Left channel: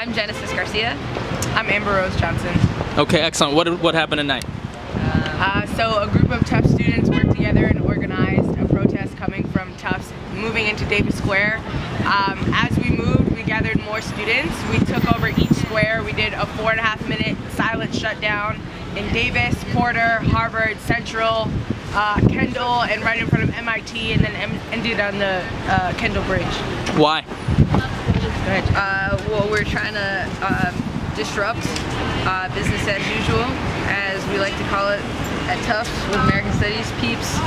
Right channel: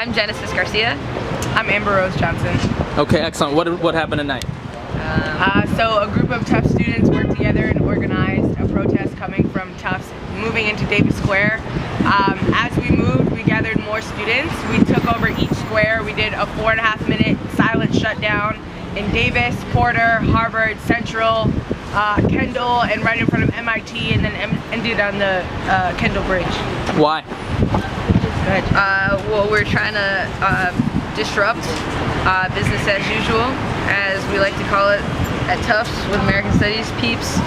I'm Genesis Garcia. I'm Amber Rose Johnson. Okay, excellent. What happened tonight? So a group of Tufts students worked together and organized a protest coming from Tufts moving into Davis Square. As we moved, we gathered more students. We took over each square. We did a 4.5-minute silent shutdown in Davis, Porter, Harvard, Central, Kendall, and right in front of MIT, and then ended on the Kendall Bridge. Why? Go ahead. Well, we're trying to disrupt business as usual, as we like to call it at Tufts with American Studies peeps.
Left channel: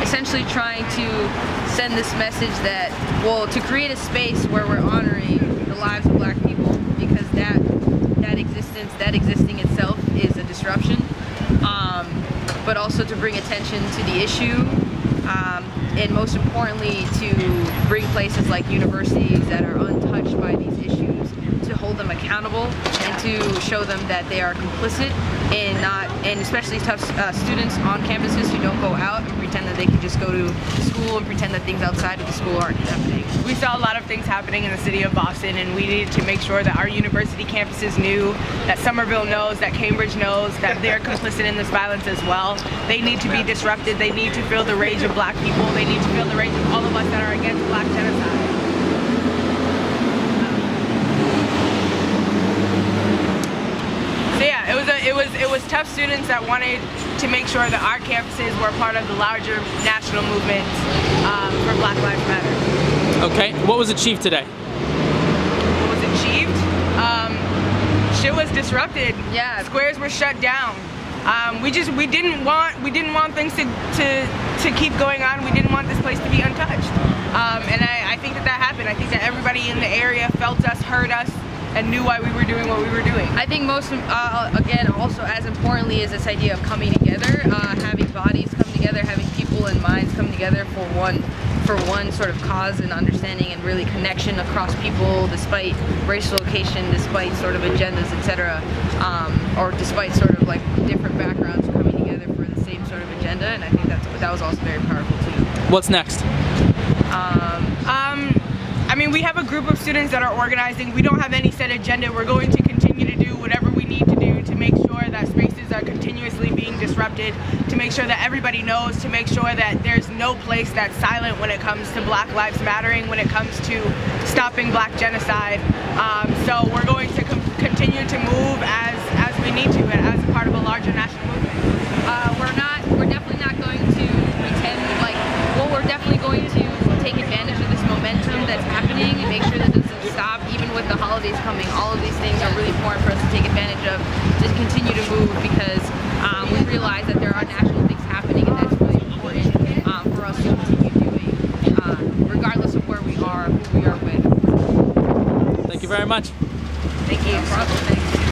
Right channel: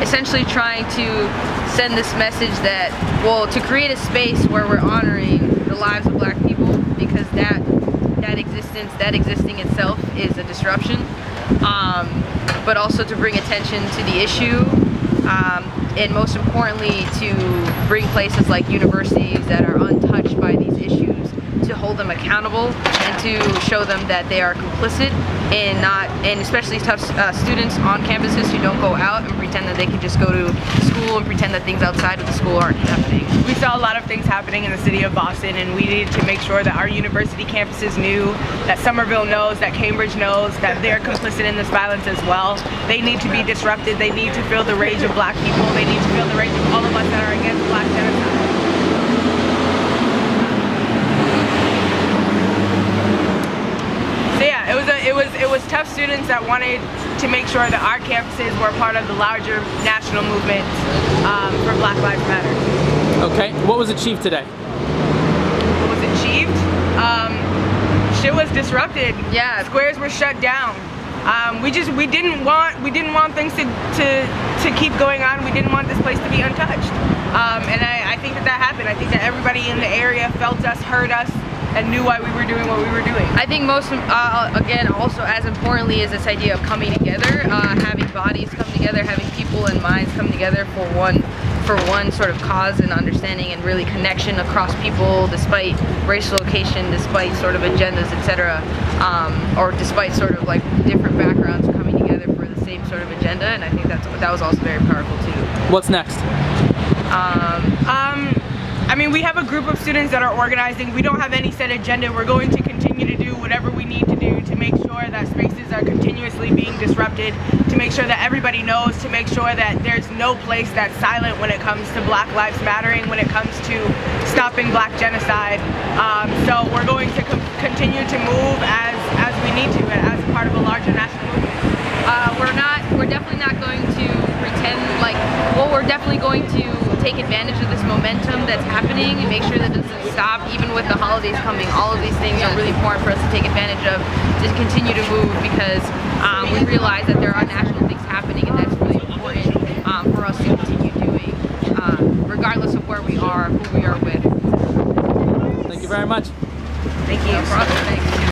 Essentially trying to send this message that, well, to create a space where we're honoring the lives of black people, because that existing itself is a disruption, but also to bring attention to the issue, and most importantly to bring places like universities that are untouched by these issues to hold them accountable and to show them that they are complicit in and especially Tufts students on campuses who don't go out and pretend that they can just go to school and pretend that things outside of the school aren't happening. We saw a lot of things happening in the city of Boston, and we needed to make sure that our university campuses knew, that Somerville knows, that Cambridge knows, that they're complicit in this violence as well. They need to be disrupted. They need to feel the rage of black people. They need to feel the rage of all of us that are against black genocide. So yeah, it was Tufts students that wanted to make sure that our campuses were part of the larger national movement for Black Lives Matter. Okay, what was achieved today? What was achieved? Shit was disrupted. Yeah. Squares were shut down. We didn't want things to keep going on. We didn't want this place to be untouched. And I think that happened. I think that everybody in the area felt us, heard us, and knew why we were doing what we were doing. I think most, again, also as importantly is this idea of coming together, having bodies come together, having people and minds come together for one sort of cause and understanding and really connection across people, despite racial location, despite sort of agendas, etc., or despite sort of like different backgrounds coming together for the same sort of agenda. And I think that was also very powerful too. What's next? I mean, we have a group of students that are organizing. We don't have any set agenda. We're going to continue to do whatever we need to do to make sure that spaces are continuously being disrupted, to make sure that everybody knows, to make sure that there's no place that's silent when it comes to Black Lives Mattering, when it comes to stopping black genocide. So we're going to continue to move as we need to, and as a part of a larger national movement. We're definitely not going to pretend like, well, we're definitely going to take advantage of this momentum that's happening and make sure that it doesn't stop, even with the holidays coming. All of these things are really important for us to take advantage of, to continue to move, because we realize that there are national things happening, and that's really important for us to continue doing, regardless of where we are, who we are with. Thank you very much. Thank you. No problem. Thanks.